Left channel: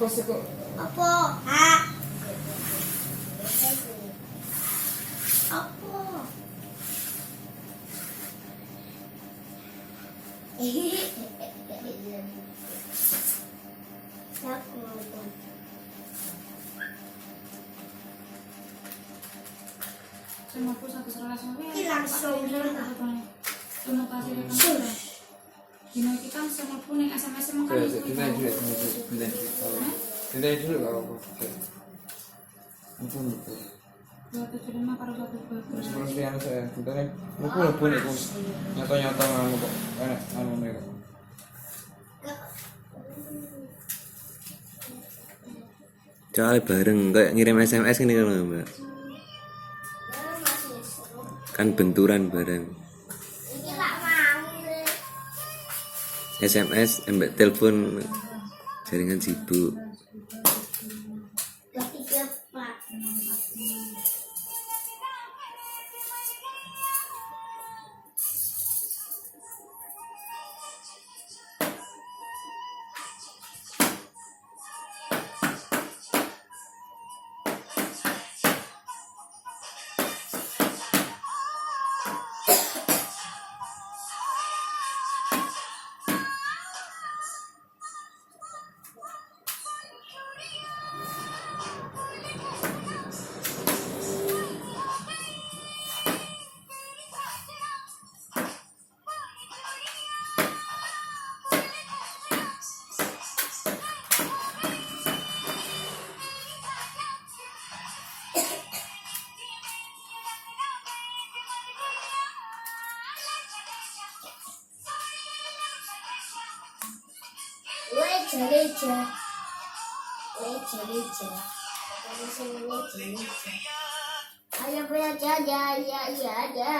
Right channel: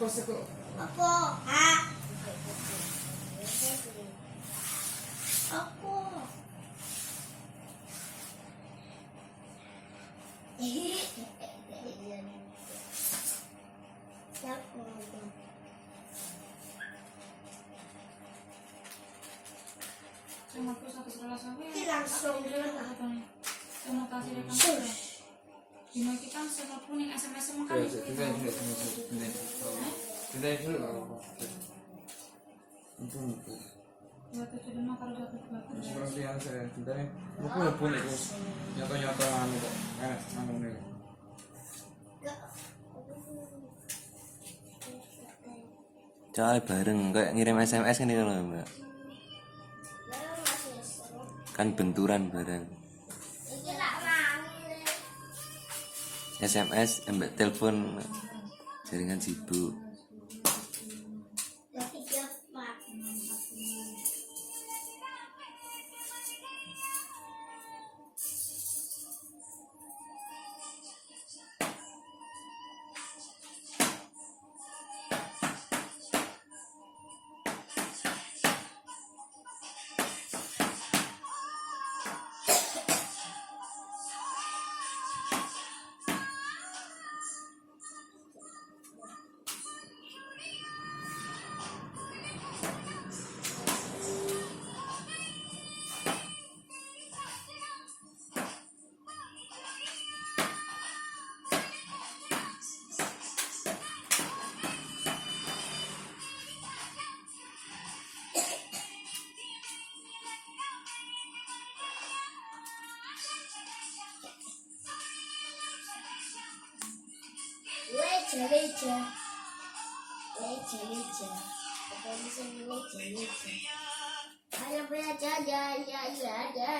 Apa sih kok? Apa? Ah. Apa? Sama aku satu sebelas Ini langsung terima kasih rekan. Dino kita semua pun yang SMS semua kan. Pindahin dulu nggak apa-apa. Ampun. 275 karo 120. Seperti yang saya pindahin. Mumpun itu nyata-nyata nganu kok. Anu nih kok. Soalnya bareng kayak ngirim SMS ini kan Mbak. Kan benturan bareng. SMS mbak telepon jaringan sibuk. Leja. Ada belajar ya. Ini aja.